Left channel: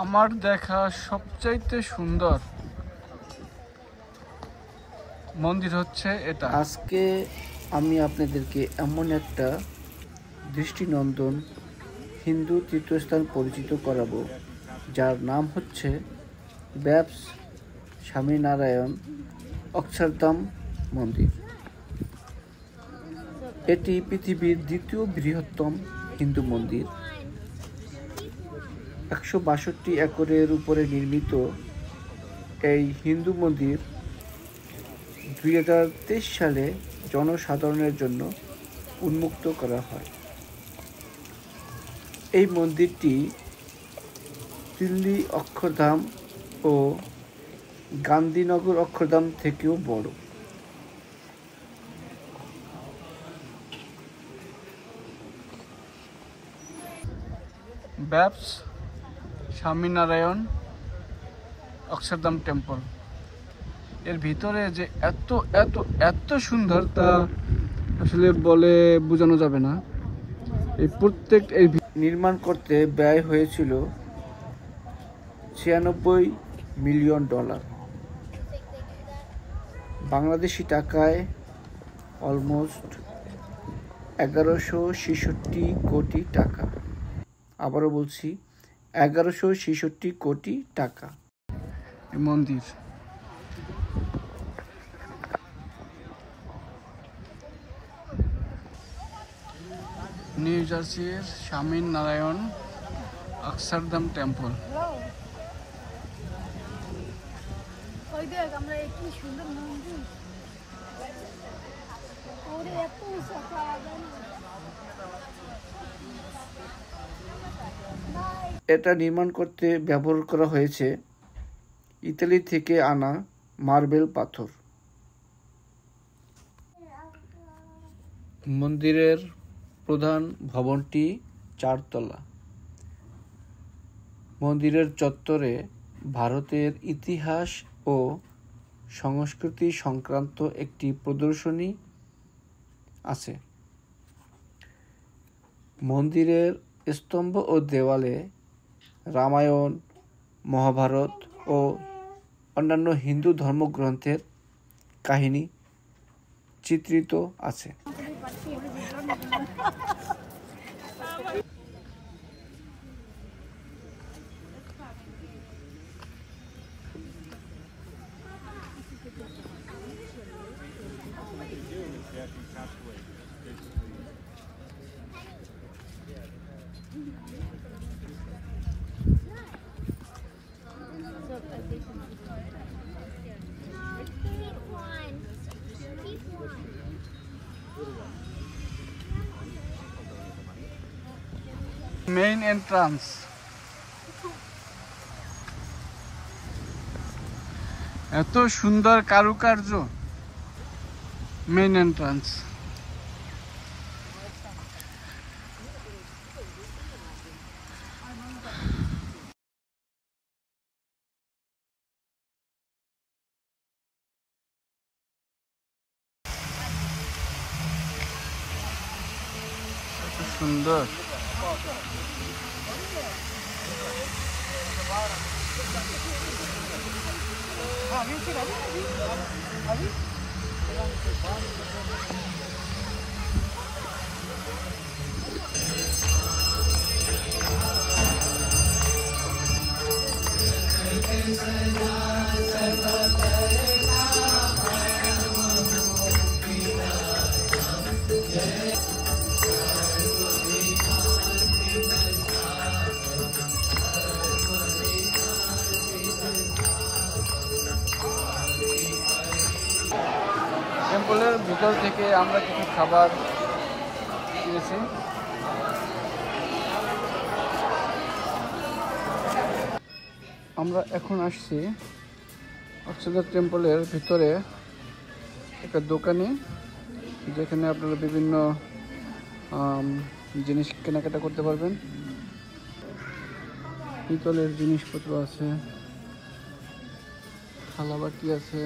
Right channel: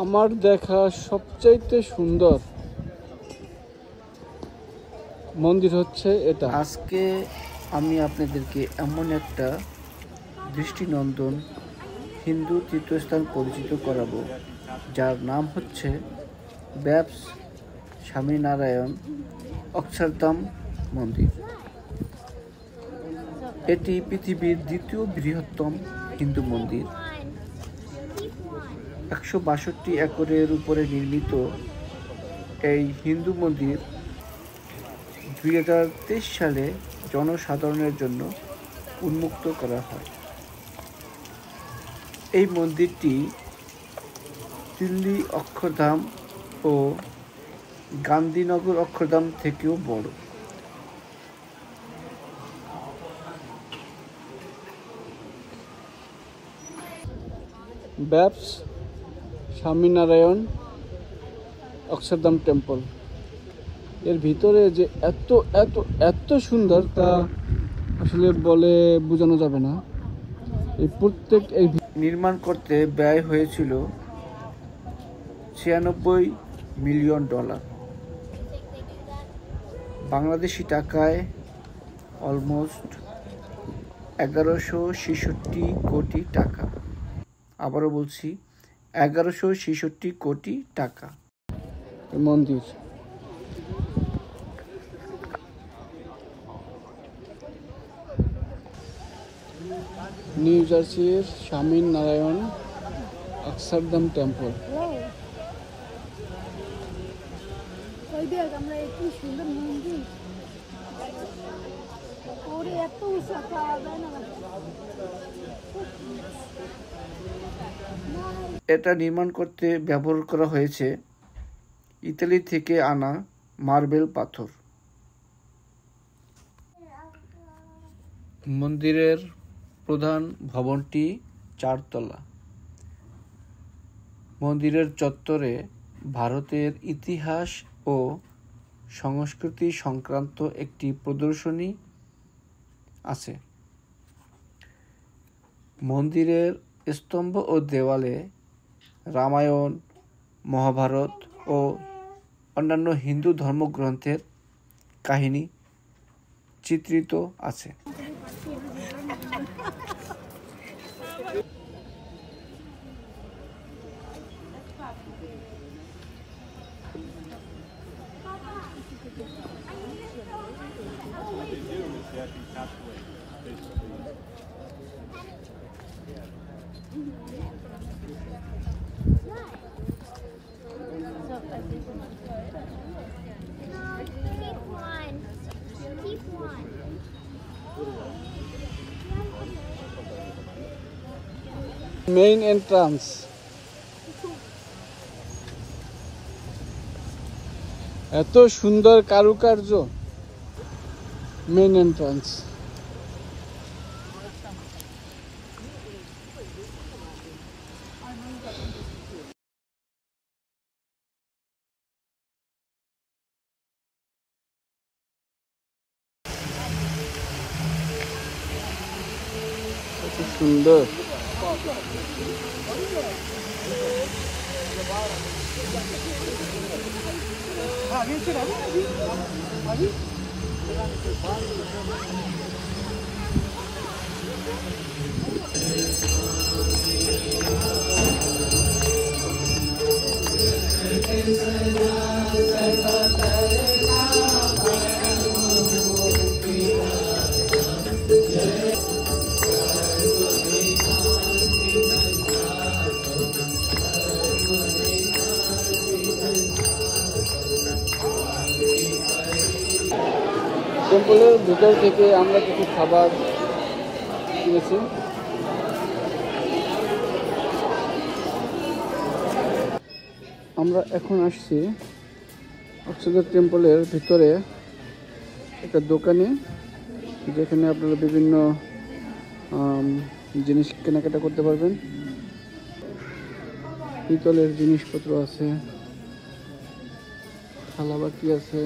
আমার দেখা সবচাইতে সুন্দর মন্দির হচ্ছে এটা। আজকে আমি আপনাদেরকে এমন একটা দৃষ্টিনন্দন হিন্দু তীর্থস্থান পরিচিত করাবো, যার নাম হচ্ছে ব্যাপস স্বামীনারায়ণ অক্ষরধাম মন্দির। এটি পৃথিবীর দ্বিতীয় বৃহত্তম হিন্দু মন্দির। 162 একরের উপরে নির্মিত এই হিন্দু মন্দির 2023 সালে জনসাধারণের জন্য উন্মুক্ত করা হয়। এই মন্দিরটি দিল্লি অক্ষরধাম ও গান্ধীনগর অক্ষরধাম থেকেও বড়। ব্যাপস স্বামীনারায়ণ অক্ষরধাম টেম্পল এর ভিতরে যে এত এত এত সুন্দর তা আসলে বলে বোঝানো যাবে না। এই প্রত্যেক এই নির্মাণ করতে ব্যয় হয়েছিল $96 মিলিয়ন, বাংলাদেশি টাকায় অলমোস্ট 1166 কোটি টাকা। আবারও বলছি, 1166 কোটি টাকা এই মন্দির। নিউ জার্সির স্বামীনারায়ণ অক্ষরধাম টেম্পল। এটা নির্মাণ করতে ব্যবহার করা হয়েছে ইতালি থেকে আনা মার্বেল পাথর। মন্দিরের প্রধান ভবনটি 4 তলা। মন্দিরের চত্বরে ভারতের ইতিহাস ও সংস্কৃতি সংক্রান্ত একটি প্রদর্শনী আছে। মন্দিরের স্তম্ভ ও দেওয়ালে রামায়ণ, মহাভারত ও অন্যান্য হিন্দু ধর্মগ্রন্থের কাহিনী চিত্রিত আছে। Main entrance. এত সুন্দর কারুকার্য। Main entrance. এত সুন্দর। টেম্পলের ভিতর থেকে আমরা কিছু খাবার কিনেছি। আমরা এখন আসছি টেম্পলের ভিতরে একটা দোকানে, যেখানে আপনারা বিভিন্ন জিনিস কেনাকাটা করতে পারবেন। পিতলের জিনিসপত্র আছে, থালাবাটি আছে।